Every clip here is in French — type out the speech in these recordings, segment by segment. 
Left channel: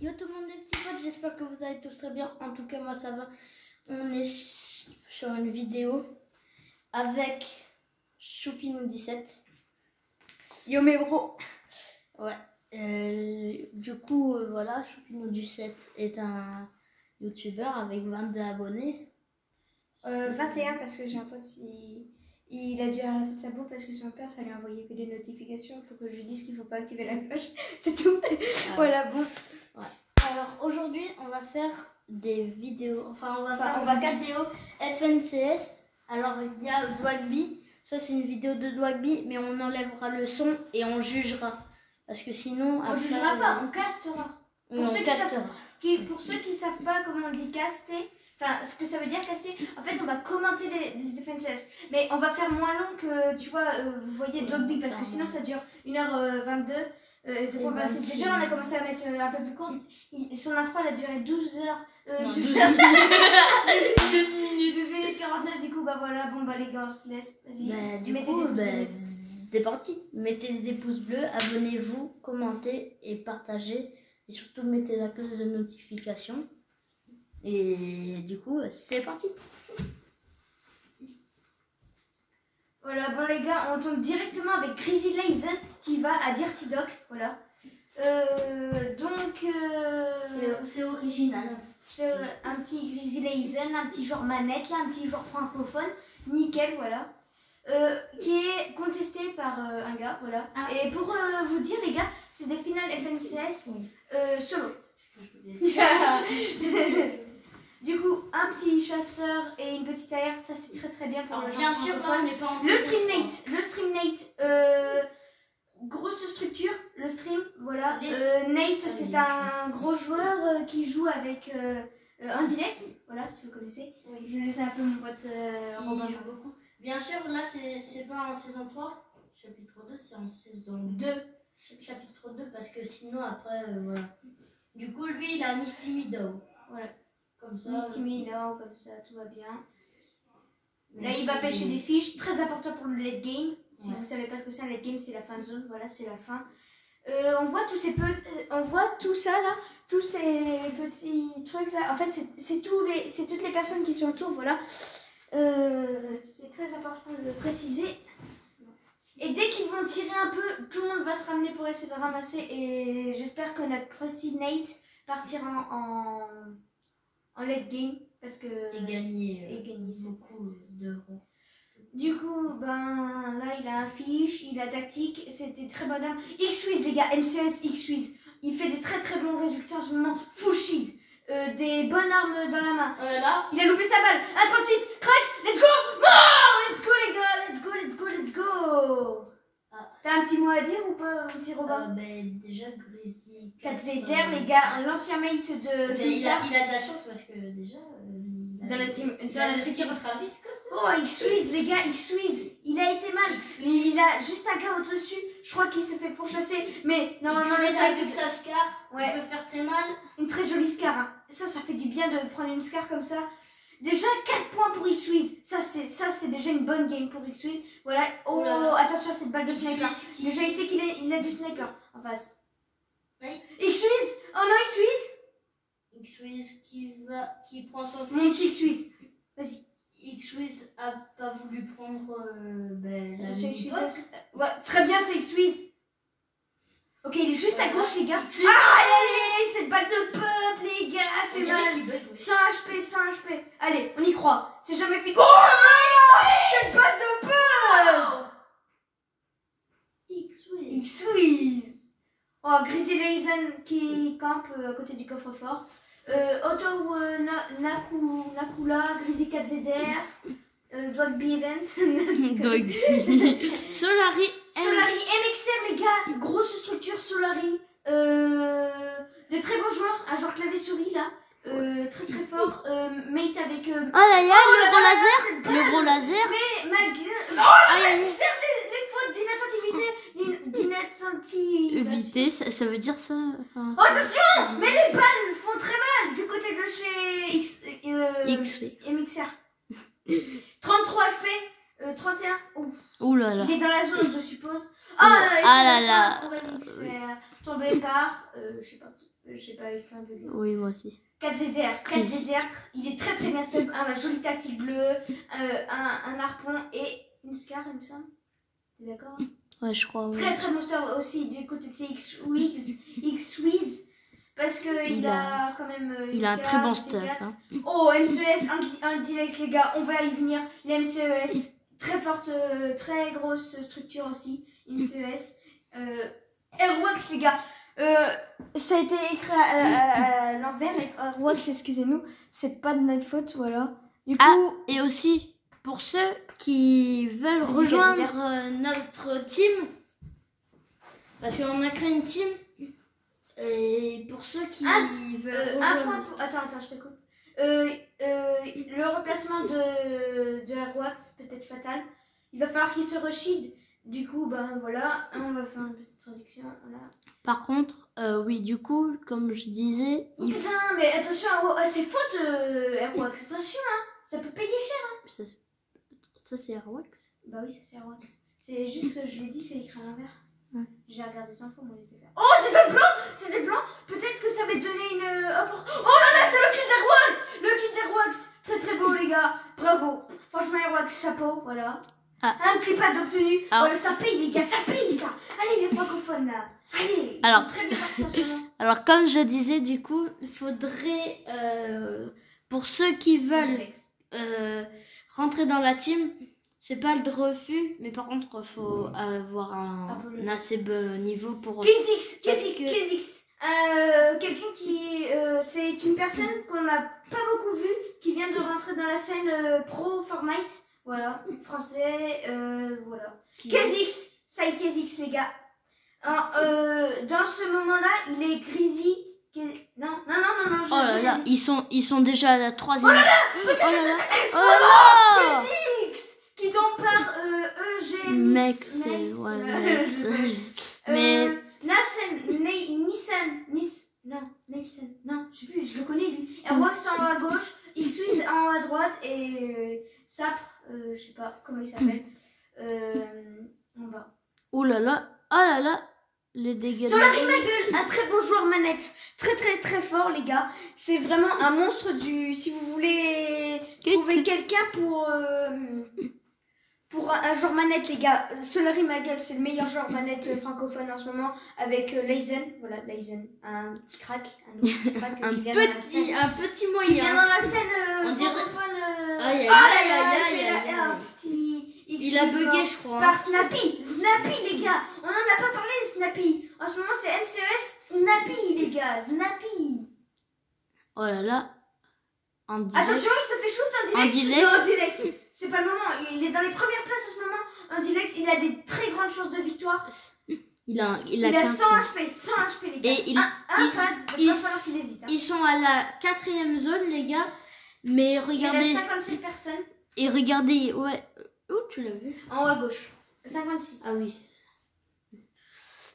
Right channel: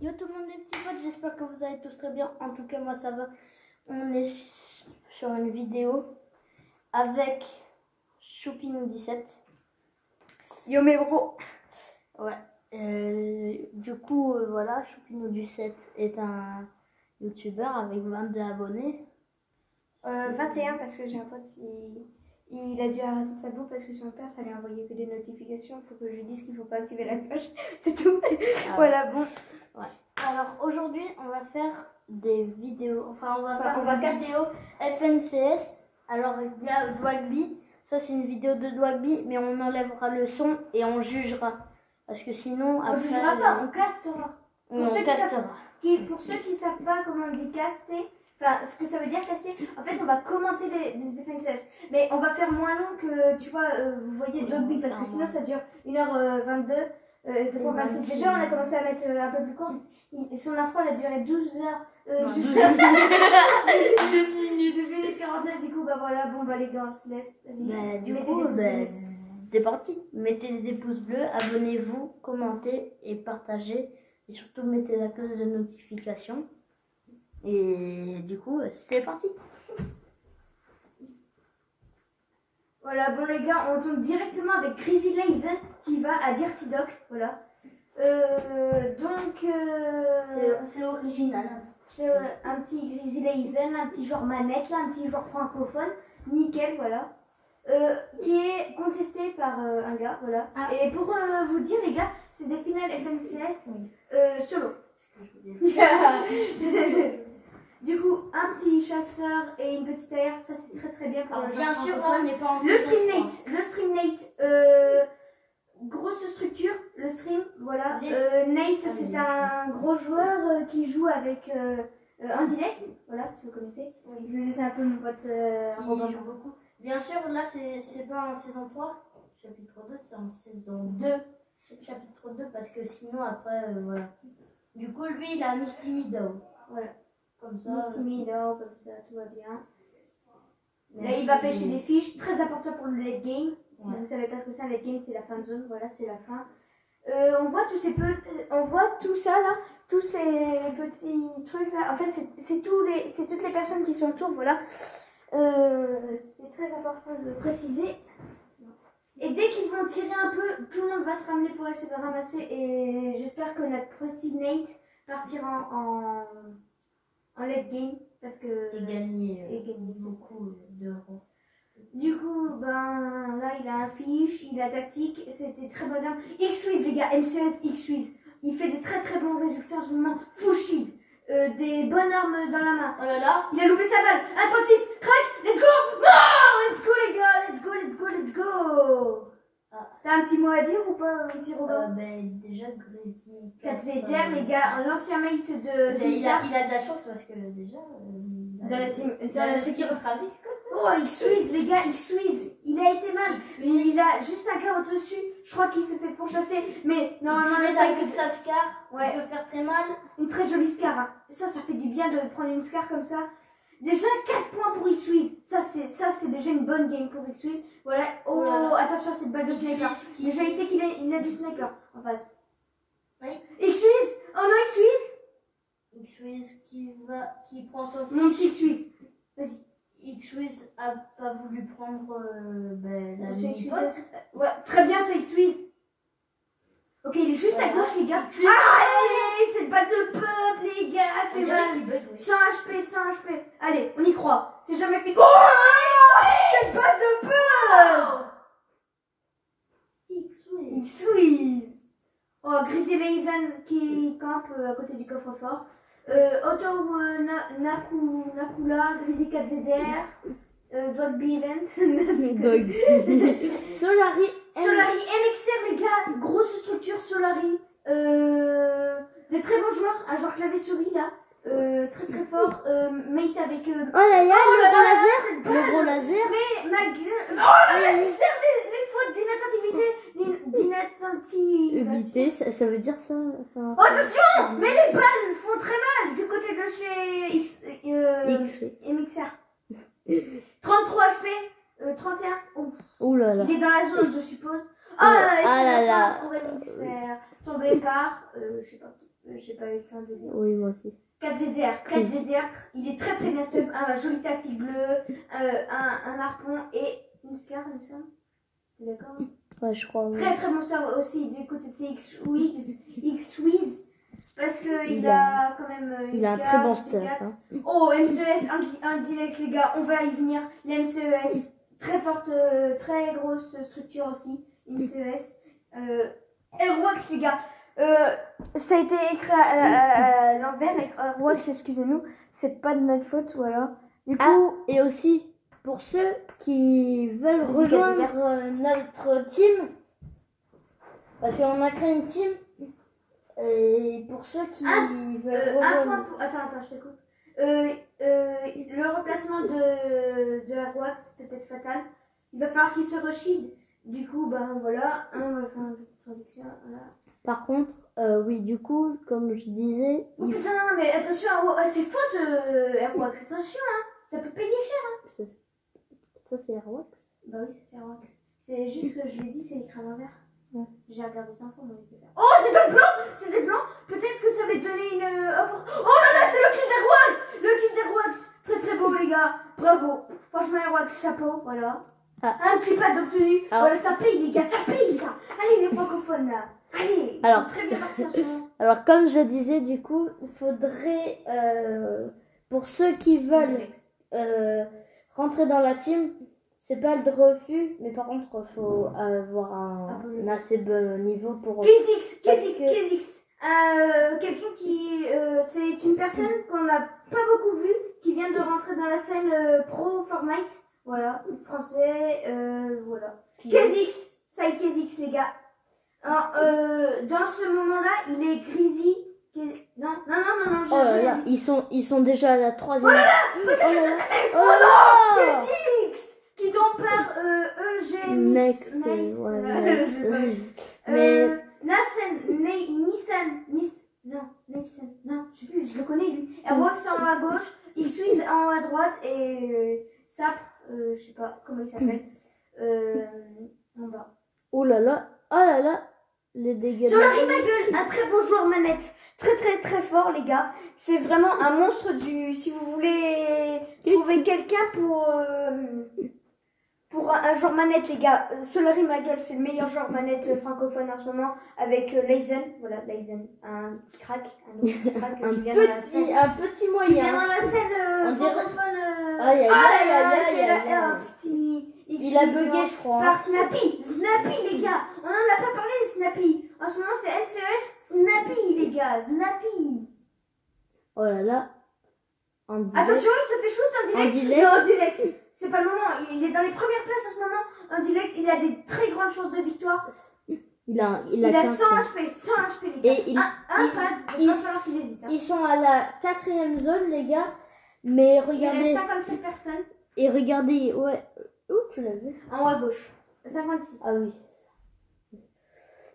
Yo tout le monde, les petits potes, j'espère que vous allez tous très bien. En tout cas, moi ça va. On est sur une vidéo avec Choupinou17. Yo mes bros. Ouais. Du coup, voilà, Choupinou17 est un youtubeur avec 22 abonnés. 21 parce que j'ai un pote, il a dû arrêter de sa bouffe parce que son père ça lui a envoyé que des notifications. Il faut que je lui dise qu'il ne faut pas activer la cloche, c'est tout. Voilà, bon. Ouais. Alors aujourd'hui, on va faire des vidéos, on va faire une vidéo FNCS. Alors il y a Dwagby, ça c'est une vidéo de Dwagby, mais on enlèvera le son et on jugera. Parce que sinon... On jugera pas, on castera. Pour ceux qui savent pas comment on dit caster, enfin ce que ça veut dire caster, en fait on va commenter les FNCS. Mais on va faire moins long que, tu vois, vous voyez Dwagby, parce que sinon ça dure 1h22. 2h26. Déjà on a commencé à mettre un peu plus court. Son intro elle a duré 12 minutes 49. Du coup bah voilà, bon bah les gars on se laisse. Vas-y. C'est parti. Mettez des pouces bleus, abonnez-vous, commentez et partagez. Et surtout mettez la cloche de notification. Et du coup c'est parti. Voilà, bon les gars, on tombe directement avec Grizzly Lazen qui va à Dirty Dock, voilà. C'est original. C'est un petit Grizzly Lazen, un petit genre manette là, un petit genre francophone, nickel, voilà. Qui est contesté par un gars, voilà. Ah. Et pour vous dire les gars, c'est des finales FNCS solo. Du coup, un petit chasseur et une petite AR, ça c'est très très bien pour le genre. Bien sûr, on n'est pas en le stream Nate, grosse structure, le stream, voilà. Nate, c'est un gros joueur qui joue avec Indilect, voilà, si vous connaissez. Oui. Je laisse un peu mon pote Robin. Joue beaucoup. Bien sûr, là c'est pas en saison 3, chapitre 2, c'est en saison 2, chapitre 2, parce que sinon après, voilà. Du coup, lui, il a Misty Meadow, voilà. Comme ça, Misty Meadow, comme ça, tout va bien. Là, il va pêcher des fiches, très important pour le late game. Si vous savez pas ce que c'est un late game, c'est la fin de zone, voilà, c'est la fin. On voit on voit tout ça là, tous ces petits trucs là. En fait, c'est toutes les personnes qui sont autour, voilà. C'est très important de le préciser. Et dès qu'ils vont tirer un peu, tout le monde va se ramener pour essayer de ramasser. Et j'espère que notre petit Nate partira en late game parce que et gagner beaucoup d'euros. Du coup, ben là il a un fiche, il a tactique, c'était très bon arme. X-Wiz les gars, MCS X-Wiz, il fait des très très bons résultats en ce moment. Full shield, des bonnes armes dans la main. Oh là là, il a loupé sa balle. 1,36, crack, let's go, mort, let's go les gars, let's go. Ah. T'as un petit mot à dire ou pas, mon petit Robin? Déjà Grizzly 4ZR les gars, l'ancien mate de il a de la chance parce que déjà dans la team de Travis Scott. Oh, X-Wiz les gars, X-Wiz, il a été mal. Il a juste un gars au-dessus, je crois qu'il se fait pourchasser. Mais normalement le fight avec sa scar, il peut faire très mal. Une très jolie scar, hein. Ça fait du bien de prendre une scar comme ça. Déjà 4 points pour X-Wiz, ça c'est déjà une bonne game pour X-Wiz. Voilà, oh attention à cette balle de sniper. Déjà il sait qu'il a du sniper en face. Oui. X-Wiz, oh non X-Wiz qui prend son mon petit X-Wiz, vas-y. X-Wiz a pas voulu prendre la ouais, très bien c'est X-Wiz. Ok, il est juste à gauche les gars. Ah, cette balle de peuple les gars, elle fait mal. 100 HP. Allez, on y croit. C'est jamais fini. Oh, cette balle de peuple. X-Wiz. Oh, Grizzly Lazen qui campe à côté du coffre-fort. Otto Nakula, Grizzly 4ZR, Dwagby Event. Solari MXR les gars, grosse structure Solari. Des très bons joueurs, un joueur clavier souris là. Très très fort. Mate avec. Oh là là, le gros laser. Mais ma gueule. Oh MXR, les fautes d'inattentivité. Ça veut dire ça. Oh, attention, mais les balles font très mal du côté de chez MXR. 33 HP, 31. Ouh là là. Il est dans la zone, je suppose. Ah là là. Pour MXR. Tombé par, je sais pas qui. J'ai pas eu le temps de lire. Oui, moi aussi. 4ZDR. 4ZDR, il est très très bien stuff. Un joli tactique bleu, un harpon et une scar, il me semble. T'es d'accord? Ouais, je crois. Très très bon stuff aussi du côté de ces X-Wiz. Parce qu'il a quand même. Il a un très bon stuff. Hein. Oh, MCES, un Dilex, les gars, on va y venir. Les MCES, très forte, très grosse structure aussi. MCES. Airwax, les gars. Ça a été écrit à l'envers. Airwax, excusez-nous, c'est pas de notre faute, voilà. Du coup. Et aussi, pour ceux qui veulent rejoindre notre team, parce qu'on a créé une team. Et pour ceux qui veulent un point pour... Attends, je te coupe. Le remplacement de Airwax peut être fatal. Il va falloir qu'il se re-shield. Du coup, ben voilà, on va faire une petite transition. Voilà. Par contre, oui, du coup, comme je disais... Oh putain, mais attention, c'est faute Airwax, attention, hein. Ça peut payer cher. Hein. Ça c'est Airwax? Bah oui, ça c'est Airwax. C'est juste que je l'ai dit, c'est écrit à l'envers. Ouais. J'ai regardé 100 fois, moi, les faire. Oh, c'est de blanc! C'est de blanc! Peut-être que ça va te donner une. Oh là là, c'est le kill d'Airwax! Le kill d'Airwax! Très très beau, les gars! Bravo! Franchement, Airwax, chapeau, voilà. Un petit pad obtenu. Voilà, ça paye, les gars, ça paye ça! Allez, les francophones là! Allez! Ils sont très bien partis en ce moment. Alors, comme je disais, du coup, il faudrait. Pour ceux qui veulent rentrer dans la team. C'est pas le refus, mais par contre, il faut avoir un assez bon niveau pour... KZX. Quelqu'un qui... c'est une personne qu'on n'a pas beaucoup vue, qui vient de rentrer dans la scène pro Fortnite. Voilà, français, voilà. KZX, ça y est, KZX, les gars. Dans ce moment-là, il est Grizzly. Non. Oh là là, ils sont déjà à la 3e. Oh là là, oh là là, KZX qui donc par Mex, mais Nissan, non, je sais plus, je le connais lui. Airwax en haut à gauche, X-Wiz en haut à droite et Sapre, je sais pas comment il s'appelle, en bas. Oh là là, les dégâts. Sur la Rimagle, un très beau joueur manette, très très très fort les gars. C'est vraiment un monstre du. Si vous voulez trouver quelqu'un pour un joueur manette, les gars, Solary Magel, c'est le meilleur joueur manette francophone en ce moment avec Leizen. Voilà, Leizen, un petit crack, un petit crack un petit moyen. Qui vient dans la scène francophone. Il a bugué, je crois. Par Snappy, les gars. On en a pas parlé de Snappy. En ce moment, c'est MCES Snappy, les gars, Snappy. Oh là là. Attention, il se fait shoot en direct. Non, en direct. C'est pas le moment. Il est dans les premières places en ce moment. En direct, il a des très grandes chances de victoire. Il a 100 HP, 100 HP, les gars. Et un pad, il va falloir qu'il hésite. Hein. Ils sont à la 4e zone, les gars. Mais regardez. Il y a 57 personnes. Et regardez, ouais. Où tu l'as vu? En haut à gauche. 56. Ah oui.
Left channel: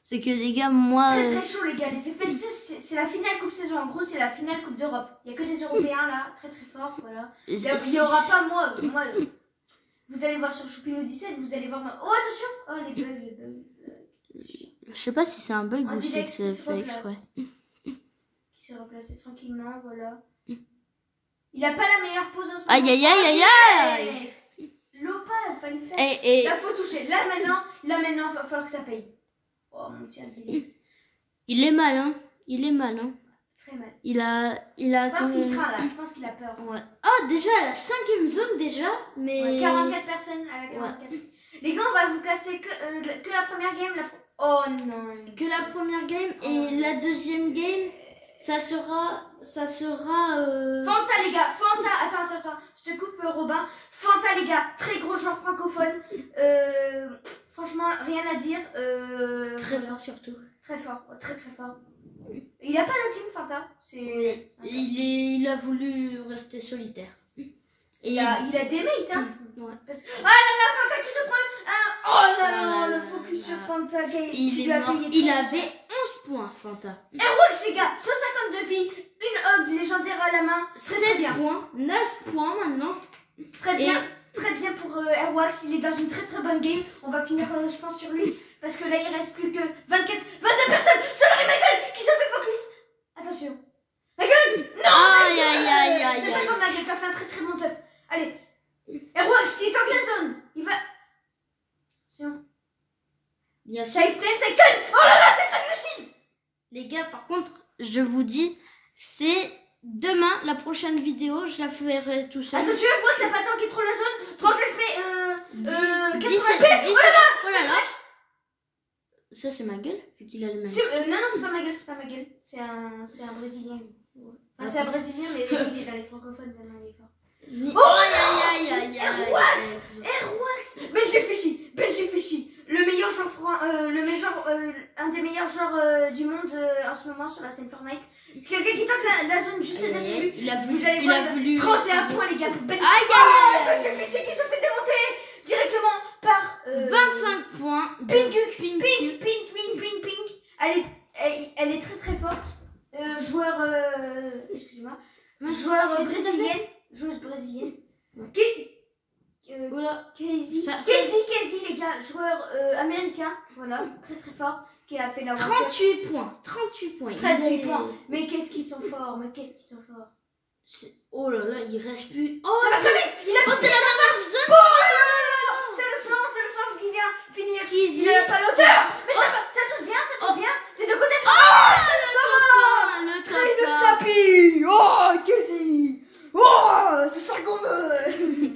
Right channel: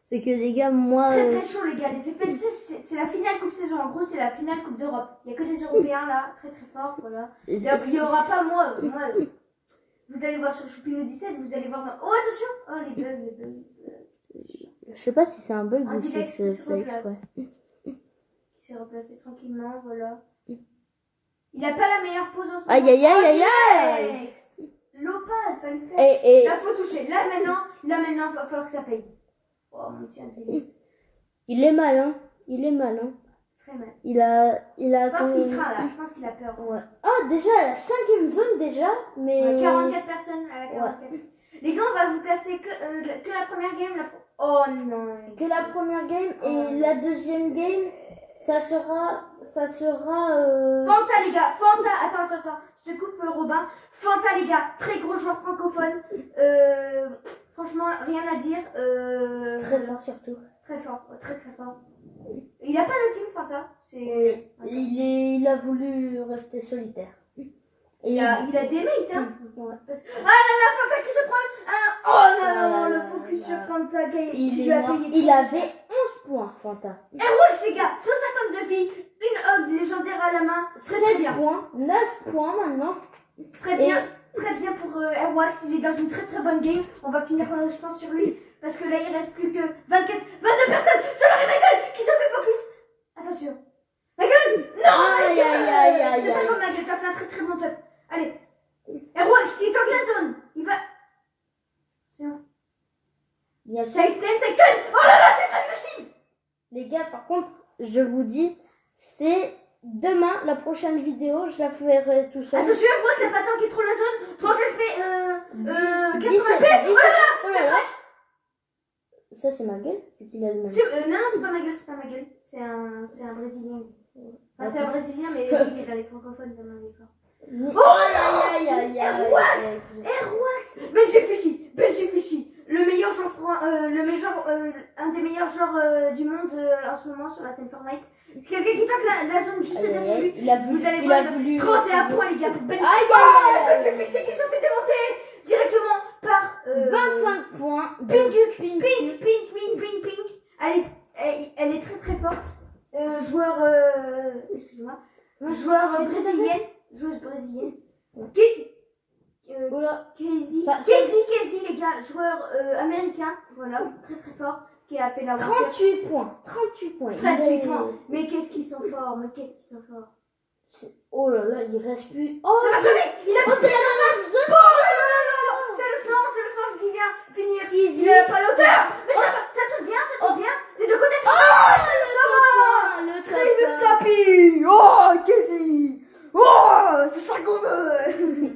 C'est que les gars, moi... C'est très très chaud les gars, les FNC c'est la finale coupe saison, en gros c'est la finale coupe d'Europe. Il n'y a que des Européens là, très très forts, voilà. Il n'y aura pas moi, vous allez voir sur Choupino 17, vous allez voir... Oh attention. Oh les bugs. Je sais pas si c'est un bug ou si c'est fait exprès. Qui s'est replacé tranquillement, voilà. Il a pas la meilleure pose en ce moment. Aïe. L'opale, fallait le faire. Et... Là faut toucher, là maintenant, il va falloir que ça paye. Oh mon petit Dilex. Il est mal, hein. Très mal. Il a je pense qu'il craint là, je pense qu'il a peur. Ouais. Oh, déjà à la 5e zone déjà, mais... Ouais, 44 personnes à la 44. Ouais. Les gars, on va vous caster que la première game. Oh non. Que la première game et la deuxième game, ça sera... Fanta les gars, Fanta, attends, je te coupe Robin. Fanta les gars, très gros joueur francophone. Franchement, rien à dire. Très fort surtout. Très fort, très très fort. Il a pas de team Fanta. Oui. Il a voulu rester solitaire. Et il a des mates, hein. Ouais. Ah non, la Fanta qui se prend. Oh non, le focus sur Fanta. Il avait 11 points, Fanta. Airwax les gars, 152 vies, une hog légendaire à la main. 7 points, 9 points maintenant. Très bien. Très bien pour Airwax, il est dans une très très bonne game. On va finir, je pense, sur lui. Parce que là, il reste plus que 22 personnes sur la Rimagle qui se fait focus. Attention. Ma gueule. Non, ma gueule. Aïe. C'est pas grave, ma gueule, t'as fait un très très bon teuf. Allez. Airwax qui tank la zone. Il va... Attention. Bien sûr. Sexton. Oh là là, c'est Crave Les gars, par contre, je vous dis, c'est demain, la prochaine vidéo, je la ferai tout seul. Attention, Airwax, ça pas tanké trop la zone. 30 HP, 17, 80 HP. oh là là. Ça, c'est ma gueule, vu qu'il a le même. Non, c'est pas ma gueule. C'est un Brésilien. Enfin, c'est un Brésilien, mais il est dans les francophones, ça m'a dit fort. Aïe. Airwax. Benji Fishy. Le meilleur joueur, un des meilleurs joueurs du monde en ce moment sur la scène Fortnite. C'est quelqu'un qui tente la zone juste derrière lui. Il a voulu. 31 points, les gars, pour Benji. Benji Fishy qui se fait démonter directement par 25 points. Pink. Elle est très très forte. Excusez-moi. Joueuse brésilienne. Casey, les gars, joueur américain, voilà, très très fort, qui a fait la 38 points. 38 points. Mais qu'est-ce qu'ils sont forts, Oh là là, il reste plus. Oh, c'est pas celui. Il a c'est la dernière zone. C'est le sang qui vient finir. Il a pas l'auteur. Mais ça touche bien, des deux côtés. Le Train top. tapis. Oh, Casey. Oh, c'est ça qu'on veut.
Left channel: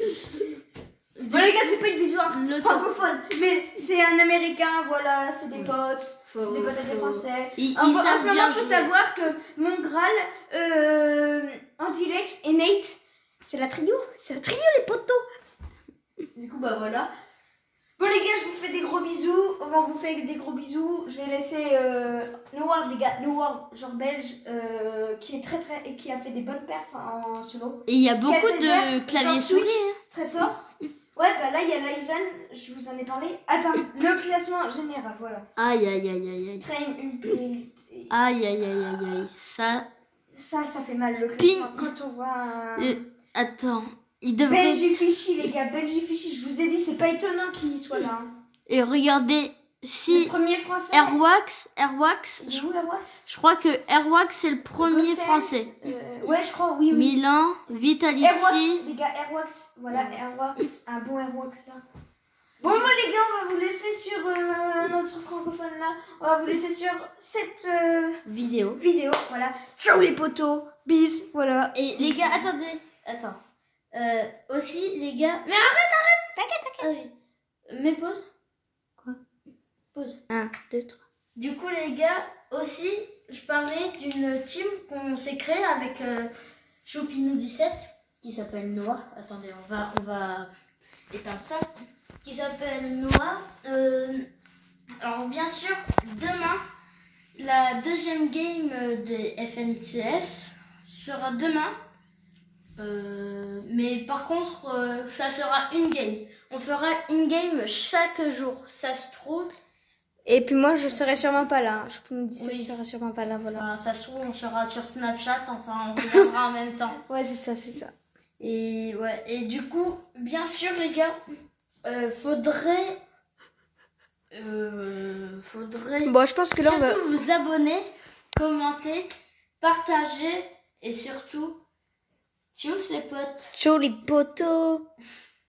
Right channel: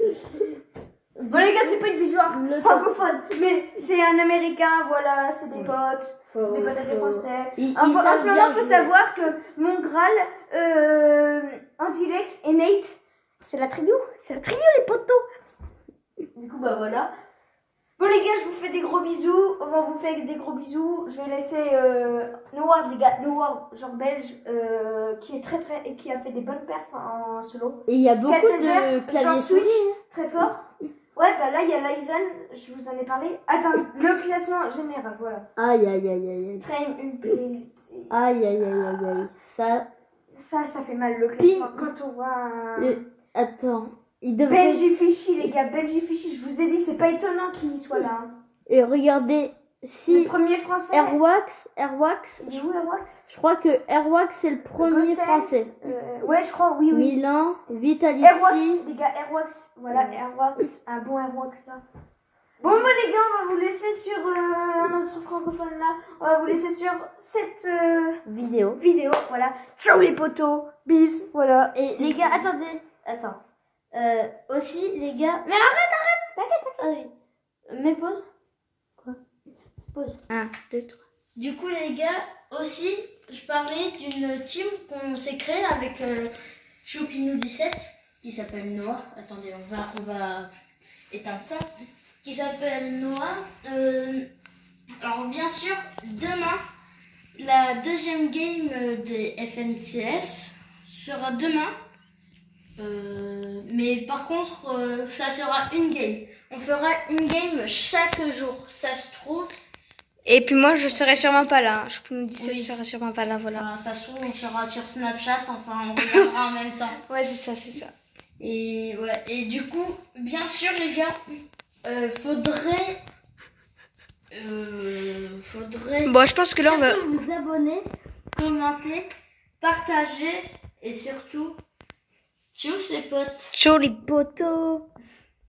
Bon les gars, c'est pas une vidéo francophone, mais c'est un américain, voilà, c'est des potes, c'est des potes des français. En ce moment, il faut savoir que mon Graal, Antilex et Nate, c'est la trio les potos. Du coup, bah voilà. Bon les gars, je vous fais des gros bisous, on vous fait des gros bisous. Je vais laisser Noward, les gars, Noward, genre belge, qui est et qui a fait des bonnes perfs en solo. Et il y a beaucoup de claviers souris. Très fort. Ouais, bah là, il y a Lyson, je vous en ai parlé. Attends, le classement général, voilà. Aïe. Train une play. Aïe. Ça fait mal, le classement, quand on voit Attends, il devrait... Benji Fishy, les gars, Benji Fishy, je vous ai dit, c'est pas étonnant qu'il soit là. Hein. Et regardez, si... Le premier français. Airwax, Airwax. Je crois que Airwax, c'est le premier français. Ouais, je crois, oui. Milan, Vitality... Airwax, les gars, Airwax, voilà, Airwax, un bon Airwax, là. Bon, bah les gars, on va vous laisser sur un autre francophone, là. On va vous laisser sur cette vidéo, voilà. Ciao les potos, bis, voilà. Et les gars, attends. Aussi, les gars... Mais arrête, t'inquiète. Mais pause. Quoi? Pause. 1, 2, 3. Du coup, les gars, aussi, je parlais d'une team qu'on s'est créée avec Choupinou17, qui s'appelle Noah. Attendez, on va éteindre ça. Qui s'appelle Noah. Alors, bien sûr, demain, la deuxième game des FNCS sera demain. Mais par contre, ça sera une game. On fera une game chaque jour, ça se trouve. Et puis moi, je serai sûrement pas là. Je peux me dire, je serai sûrement pas là, voilà. Enfin, ça se trouve, on sera sur Snapchat, enfin, on regardera en même temps. Ouais, c'est ça. Et ouais, et du coup, bien sûr, les gars, faudrait. Bon, je pense que là, on va vous abonner, commenter, partager et surtout. Ciao les potes. Ciao les potos.